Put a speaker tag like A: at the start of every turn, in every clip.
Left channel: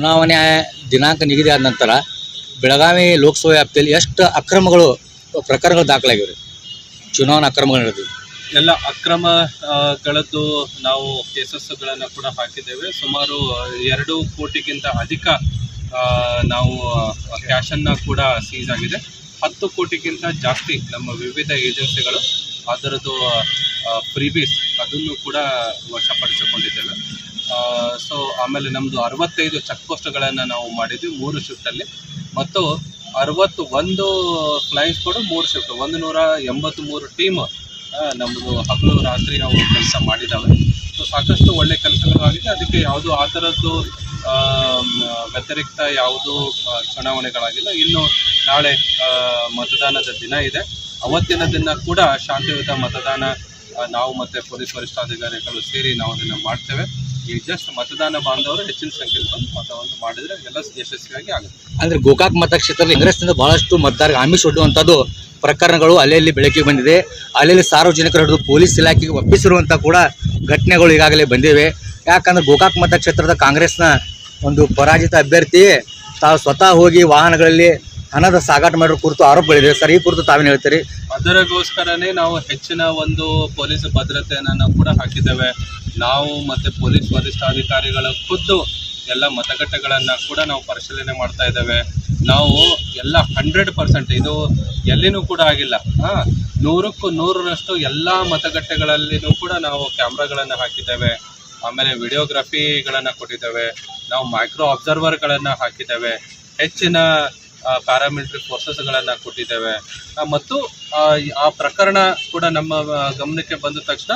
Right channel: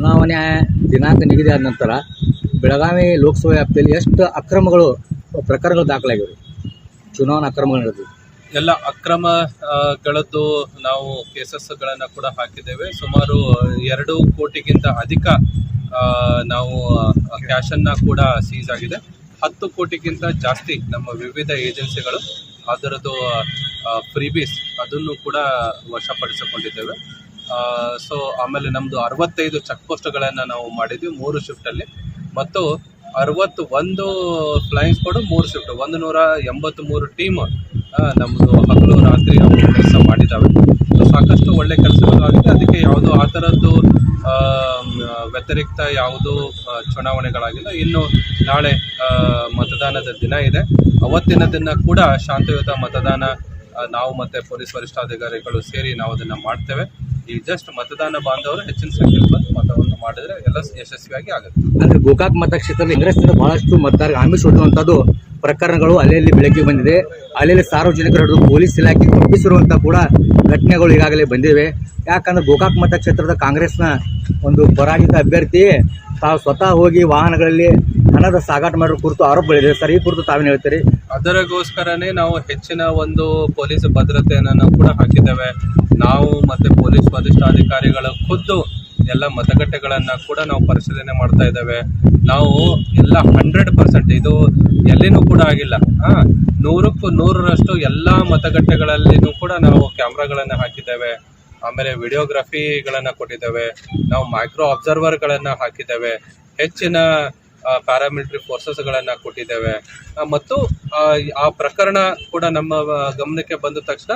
A: ಚುನಾವಣೆ ದಿನಾಂಕ ನಿಗದಿ ಆದ ನಂತರ ಬೆಳಗಾವಿ ಲೋಕಸಭಾ ವ್ಯಾಪ್ತಿಯಲ್ಲಿ ಎಷ್ಟು ಅಕ್ರಮಗಳು ಪ್ರಕರಣಗಳು ದಾಖಲಾಗಿವೆ ಚುನಾವಣಾ ಅಕ್ರಮಗಳು ನಡೆದಿವೆ
B: ಎಲ್ಲ ಅಕ್ರಮಗಳದ್ದು ನಾವು ಕೇಸಸ್ಗಳನ್ನು ಕೂಡ ಹಾಕಿದ್ದೇವೆ ಸುಮಾರು ಎರಡು ಕೋಟಿಗಿಂತ ಅಧಿಕ ನಾವು ಕ್ಯಾಶನ್ನು ಕೂಡ ಸೀಸ್ ಆಗಿದೆ ಹತ್ತು ಕೋಟಿಗಿಂತ ಜಾಸ್ತಿ ನಮ್ಮ ವಿವಿಧ ಏಜೆನ್ಸಿಗಳು ಅದರದ್ದು ಪ್ರೀಬೀಸ್ ಅದನ್ನು ಕೂಡ ವಶಪಡಿಸಿಕೊಂಡಿದ್ದೇವೆ ಸೊ ಆಮೇಲೆ ನಮ್ಮದು ಅರವತ್ತೈದು ಚೆಕ್ ಪೋಸ್ಟ್ಗಳನ್ನು ನಾವು ಮಾಡಿದ್ವಿ ಮೂರು ಶಿಫ್ಟಲ್ಲಿ ಮತ್ತು ಅರವತ್ತು ಒಂದು ಫ್ಲೈಯಿಂಗ್ ಮೂರು ಶಿಫ್ಟ್ ಒಂದು ನೂರ ಮೂರು ಟೀಮ್ ನಮ್ಮದು ಹಗಲು ರಾತ್ರಿ ನಾವು ಕೆಲಸ ಮಾಡಿದ್ದಾವೆ ಸೊ ಸಾಕಷ್ಟು ಒಳ್ಳೆ ಕೆಲಸಗಳು ಆಗಿದೆ ಅದಕ್ಕೆ ಯಾವುದು ಆ ಥರದ್ದು ವ್ಯತಿರಿಕ್ತ ಯಾವುದೂ ಚುನಾವಣೆಗಳಾಗಿಲ್ಲ ಇನ್ನು ನಾಳೆ ಮತದಾನದ ದಿನ ಇದೆ ಅವತ್ತಿನ ದಿನ ಕೂಡ ಶಾಂತಿಯುತ ಮತದಾನ ನಾವು ಮತ್ತು ಪೊಲೀಸ್ ವರಿಷ್ಠಾಧಿಕಾರಿಗಳು ಸೇರಿ ನಾವು ಅದನ್ನು ಮಾಡ್ತೇವೆ ಈ ಜಸ್ಟ್ ಮತದಾನ ಬಾಂಧವರು ಹೆಚ್ಚಿನ ಸಂಖ್ಯೆಯಲ್ಲಿ ಬಂದು ಮತವನ್ನು ಮಾಡಿದ್ರೆ ಎಲ್ಲ ಯಶಸ್ವಿಯಾಗಿ ಆಗುತ್ತೆ
A: ಅಂದ್ರೆ ಗೋಕಾಕ್ ಮತಕ್ಷೇತ್ರದಲ್ಲಿ ಇಂಗ್ರೆಸ್ನಿಂದ ಬಹಳಷ್ಟು ಮತದಾರರಿಗೆ ಆಮಿಷ ಒಡ್ಡುವಂಥದ್ದು ಪ್ರಕರಣಗಳು ಅಲ್ಲೆಲ್ಲಿ ಬೆಳಕಿಗೆ ಬಂದಿದೆ ಅಲ್ಲೆಲ್ಲಿ ಸಾರ್ವಜನಿಕರು ಹಿಡಿದು ಪೊಲೀಸ್ ಇಲಾಖೆಗೆ ಒಪ್ಪಿಸಿರುವಂಥ ಕೂಡ ಘಟನೆಗಳು ಈಗಾಗಲೇ ಬಂದಿವೆ ಯಾಕಂದ್ರೆ ಗೋಕಾಕ್ ಮತಕ್ಷೇತ್ರದ ಕಾಂಗ್ರೆಸ್ನ ಒಂದು ಪರಾಜಿತ ಅಭ್ಯರ್ಥಿ ತಾವು ಸ್ವತಃ ಹೋಗಿ ವಾಹನಗಳಲ್ಲಿ ಹಣದ ಸಾಗಾಟ ಮಾಡಿರೋ ಕುರಿತು ಆರೋಪಗಳಿದೆ ಸರ್ ಈ ಕುರಿತು ತಾವೇನು ಹೇಳ್ತೀರಿ
B: ಅದರಗೋಸ್ಕರನೇ ನಾವು ಹೆಚ್ಚಿನ ಒಂದು ಪೊಲೀಸ್ ಭದ್ರತೆಯನ್ನು ಕೂಡ ಹಾಕಿದ್ದೇವೆ ನಾವು ಮತ್ತು ಪೊಲೀಸ್ ವರಿಷ್ಠಾಧಿಕಾರಿಗಳ ಖುದ್ದು ಎಲ್ಲ ಮತಗಟ್ಟೆಗಳನ್ನು ಕೂಡ ನಾವು ಪರಿಶೀಲನೆ ಮಾಡ್ತಾ ಇದ್ದೇವೆ ನಾವು ಎಲ್ಲ ಹಂಡ್ರೆಡ್ ಪರ್ಸೆಂಟ್ ಇದು ಎಲ್ಲಿನೂ ಕೂಡ ಆಗಿಲ್ಲ ಹಾಂ ನೂರಕ್ಕೂ ನೂರರಷ್ಟು ಎಲ್ಲ ಮತಗಟ್ಟೆಗಳಲ್ಲಿನೂ ಕೂಡ ನಾವು ಕ್ಯಾಮ್ರಾಗಳನ್ನು ಹಾಕಿದ್ದೇವೆ ಆಮೇಲೆ ವಿಡಿಯೋಗ್ರಫಿಗಳನ್ನು ಕೊಟ್ಟಿದ್ದೇವೆ ನಾವು ಮೈಕ್ರೋ ಅಬ್ಸರ್ವರ್ಗಳನ್ನು ಹಾಕಿದ್ದೇವೆ ಹೆಚ್ಚಿನ ಪ್ಯಾರಾಮಿಲಿಟರಿ ಫೋರ್ಸಸ್ಗಳನ್ನು ಕೊಟ್ಟಿದ್ದೇವೆ ಮತ್ತು ಆ ಪ್ರಕರಣ ಕೂಡ ನಮ್ಮ ಗಮನಕ್ಕೆ ಬಂದ ತಕ್ಷಣ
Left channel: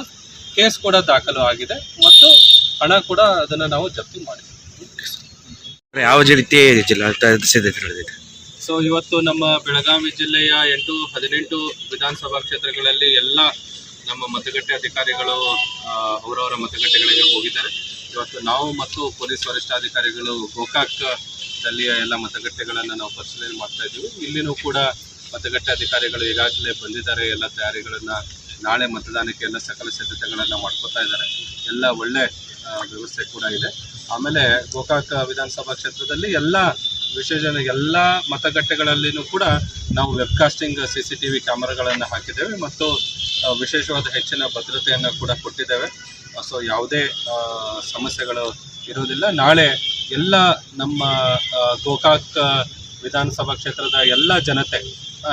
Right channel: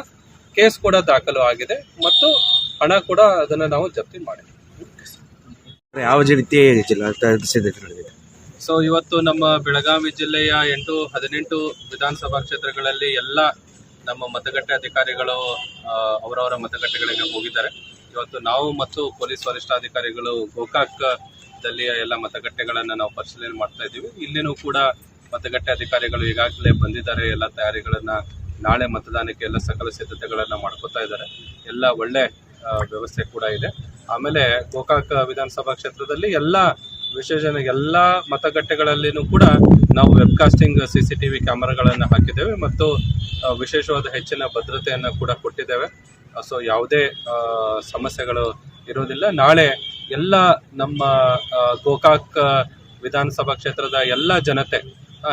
B: ಕೇಸ್ ಕೂಡ ದಾಖಲು ಆಗಿದೆ ಮತ್ತು ಹಣ ಕೂಡ ಅದನ್ನು ನಾವು ಜಪ್ತಿ ಮಾಡಿದ್ದೀವಿ ಯಾವ ರೀತಿ ಸೊ ಇವತ್ತು ನಮ್ಮ ಬೆಳಗಾವಿ ಜಿಲ್ಲೆಯ ಎಂಟು ಹದಿನೆಂಟು ವಿಧಾನಸಭಾ ಕ್ಷೇತ್ರಗಳಲ್ಲಿ ಎಲ್ಲ ನಮ್ಮ ಮತಗಟ್ಟೆ ಅಧಿಕಾರಿಗಳು ಅವರವರ ಮತಗಟ್ಟೆಗಳಿಗೆ ಹೋಗಿದ್ದಾರೆ ಇವತ್ತು ನಾವು ಮತ್ತು ಪೊಲೀಸ್ ವರಿಷ್ಠಾಧಿಕಾರಿಗಳು ಗೋಕಾಕ್ ಸ್ಥಳೀಯ ಎಲ್ಲ ಮತಗಟ್ಟೆಗಳನ್ನು ನಾವು ಪರಿಶೀಲನೆ ಮಾಡ್ತಾ ಇದ್ದೀವಿ ಇಲ್ಲಿನೂ ಕೂಡ ಮತಗಟ್ಟೆ ಅಧಿಕಾರಿಗಳು ಈಗಾಗಲೇ ಬಂದಿದ್ದಾರೆ ಎಲ್ಲ ತಯಾರಿಗಳನ್ನು ನಾಳೆ ಮತದಾನಕ್ಕೆ ಎಲ್ಲ ಸಕಲ ಸಿದ್ಧತೆಗಳನ್ನು ಮಾಡ್ಕೋತಾ ಇದ್ದಾರೆ ಎಲ್ಲ ಒಳ್ಳೆ ವ್ಯವಸ್ಥೆ ಕೂಡ ಇದೆ ಆಮೇಲೆ ಗೋಕಾಕ ವಿಧಾನಸಭಾ ಕ್ಷೇತ್ರದಲ್ಲಿ ಎಲ್ಲ ವಿಶೇಷ ಎಲ್ಲ ಮತಗಟ್ಟೆಗಳಲ್ಲಿನೂ ಕೂಡ ನಾವು casting C C T V ಕ್ಯಾಮರಾಗಳನ್ನು ಹಾಕಿದ್ದೇವೆ ಮತ್ತು ವಿಶೇಷವಾದ ಹೆಚ್ಚಿನ ಭದ್ರತೆಯನ್ನು ಕೂಡ ಕೊಟ್ಟಿದ್ದೇವೆ ಸೊ ಯಾವುದೇ ಸಮಸ್ಯೆಗಳು ಇರೋದಿಲ್ಲ ನಾಳೆ ಎಲ್ಲ ನಮ್ಮ ಗೋಕಾಕ್ ವಿಧಾನಸಭಾ ಕ್ಷೇತ್ರದ ಎಲ್ಲ ಜನತೆ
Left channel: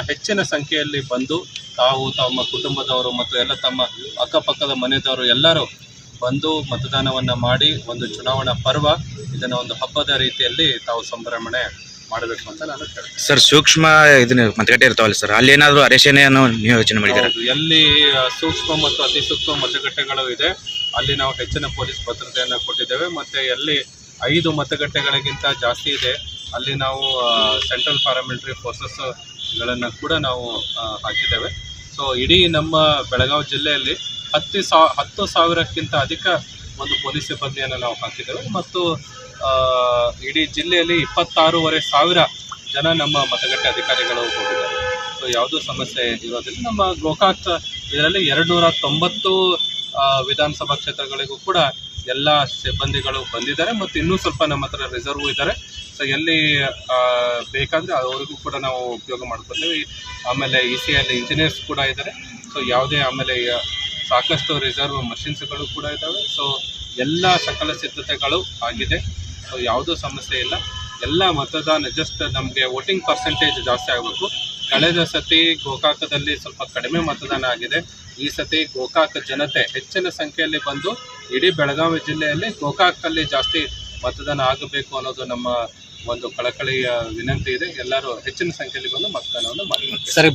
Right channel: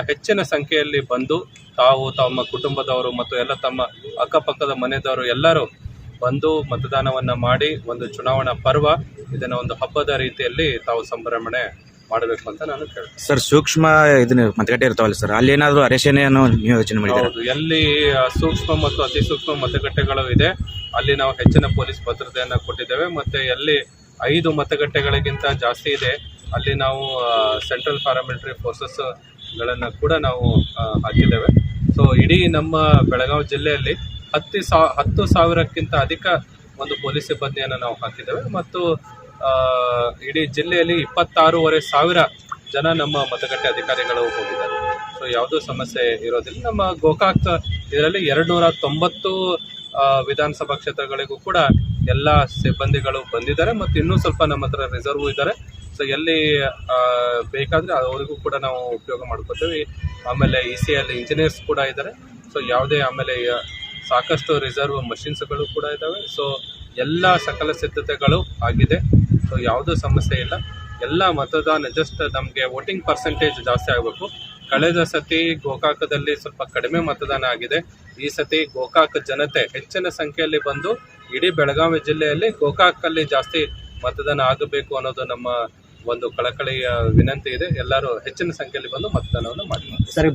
B: ಹೆಚ್ಚಿನ ಸಂಖ್ಯೆಯಲ್ಲಿ ಬಂದು ತಾವು ತಮ್ಮ ಕುಟುಂಬದವರು ಮತ್ತು ಎಲ್ಲ ತಮ್ಮ ಅಕ್ಕಪಕ್ಕದ ಮನೆಯವರು ಎಲ್ಲರೂ ಬಂದು ಮತದಾನವನ್ನು ಮಾಡಿ ಒಂದು ಚುನಾವಣಾ ಪರ್ವ ಇದನ್ನು ಒಂದು ಹಬ್ಬದ ರೀತಿಯಲ್ಲಿ ತಾವು ಸಂಭ್ರಮಣೆ ಮಾಡಬೇಕು ಅಂತ ನಾನು
A: ಕೇಳ್ತೀನಿ ಸರ್ ಸೂಕ್ಷ್ಮ ಇದನ್ನು ಮತಗಟ್ಟೆ ಇರ್ತಾವಲ್ಲ ಸರ್ ಅಲ್ಲಿ ಏನಾದರೂ ಅರೇಷಣೆಯನ್ನು ನಿಯೋಜನೆ
B: ಯೋಚನೆ ಎಲ್ಲಿ ಸೂಕ್ಷ್ಮ ಮತ್ತು ಅತಿ ಸೂಕ್ಷ್ಮ ಮತಗಟ್ಟೆಗಳು ಇದೆ ಅಲ್ಲಿ ನಾವು ಹೆಚ್ಚಿನ ಪೊಲೀಸ್ ಭದ್ರತೆಯನ್ನು ಕೊಟ್ಟಿದ್ದೇವೆ ಮತ್ತು ಎಲ್ಲಿ ಐದು ಮತಗಟ್ಟೆಗಳಿಗಿಂತ ಜಾಸ್ತಿ ಇದೆ ಅಲ್ಲಿ ನಾವು ಸೆಂಟ್ರಲ್ ಪ್ಯಾರಾಮಿಲಿಟ್ರಿ ಫೋರ್ಸಸ್ಗಳನ್ನು ಕೂಡ ನಾವು ಹಾಕಿದ್ದೇವೆ ಸೊ ಇಡೀ ನಮ್ಮ ಬೆಳಗಾವಿ ಜಿಲ್ಲೆಯಲ್ಲಿ ಹತ್ತು ಸಾ ಹತ್ತು ಸಾವಿರಕ್ಕಿಂತ ಅಧಿಕ ಒಂದು ಪೊಲೀಸ್ ಸಿಬ್ಬಂದಿಯನ್ನು ನಾವು ಹಾಕಿದ್ದೇವೆ ಮತ್ತು ಇಡೀ ಜಿಲ್ಲೆಯಲ್ಲಿ ಇಪ್ಪತ್ತಾರೂವರೆ ಸಾವಿರ ಜನ ನಮ್ಮ ಮತಗಟ್ಟೆ ಅಧಿಕಾರಿಗಳು ಹೋಗಿದ್ದಾರೆ ಸೊ ಯಾವುದೂ ಸಮಸ್ಯೆ ಇರೋದಿಲ್ಲ ನಮ್ಮ ಗೋಕಾಕ್ ಇದರಲ್ಲಿ ಎರಡು ನೂರ ತೊಂಬತ್ತು ವಿಧಾನಸಭಾ ಕ್ಷೇತ್ರಗಳಿಗೂ ಕೂಡ ಎಲ್ಲ ಸಿಬ್ಬಂದಿಗಳು ಬಂದಿದ್ದಾರೆ ಮತ್ತು ಇನ್ನೂ ಸ್ವಲ್ಪ ನಮ್ಮ ಹತ್ರ ರಿಸರ್ವ್ ಇದ್ದಾರೆ ಸೊ ಎಲ್ಲಿ ಬೇಕಾದರೆ ಅವರಿಗೂ ಕೂಡ ನಾವು ಉಪಯೋಗ ಮಾಡ್ಕೊತೀವಿ ಆಮೇಲೆ ಇ ಸಿ ಎಲ್ಲಿ ಇಂಜಿನಿಯರ್ಸ್ ಕೂಡ ಇದ್ದಾರೆ ಸೊ ಯಾವುದೇ ಆಮೇಲೆ ಸಾಕಷ್ಟು ರಿಸರ್ವ್ ಮಷಿನ್ಸ್ಗಳು ಕೂಡ ಇದ್ದಾವೆ ಸೊ ಎಲ್ಲ ಸಕಲ ಸಿದ್ಧತೆಗಳು ಆಗಿದೆ ಸೊ ಯಾವುದೂ ಸಮಸ್ಯೆ ಇಲ್ಲ ಎಲ್ಲ ಮತದಾನ ಜಸ್ಟ್ ನಮಗೆ ವೋಟಿಂಗ್ ಪರ್ಸೆಂಟೇಜ್ ಜಾಸ್ತಿ ಆಗಬೇಕು ಕಳೆದ ಸತಿ ಗೋಕಾಕದಲ್ಲಿ ಸ್ವಲ್ಪ ಕಡಿಮೆ ಮತದಾನ ಆಗಿದೆ ಈ ಸತಿ ಗೋಕಾಕ ಜನತೆ ಹೆಚ್ಚಿನ ಸಂಖ್ಯೆಯಲ್ಲಿ ಬಂದು ಇಡೀ ಬೆಳಗಾವಿ ಜಿಲ್ಲೆಯಲ್ಲಿ ಗೋಕಾಕಲ್ಲಿ ಜಾಸ್ತಿ ಮತದಾನ ಆಗಬೇಕು ಅನ್ನೋದು ನಮ್ಮ ಒಂದು ಕಳಕಳಿಯ ವಿನಂತಿ ಇದೆ ಎಲ್ಲರೂ ಹೆಚ್ಚಿನ ಸಂಖ್ಯೆಯಲ್ಲಿ ಬಂದು ಮತದಾನವನ್ನು ಮಾಡಿ ಸರಿ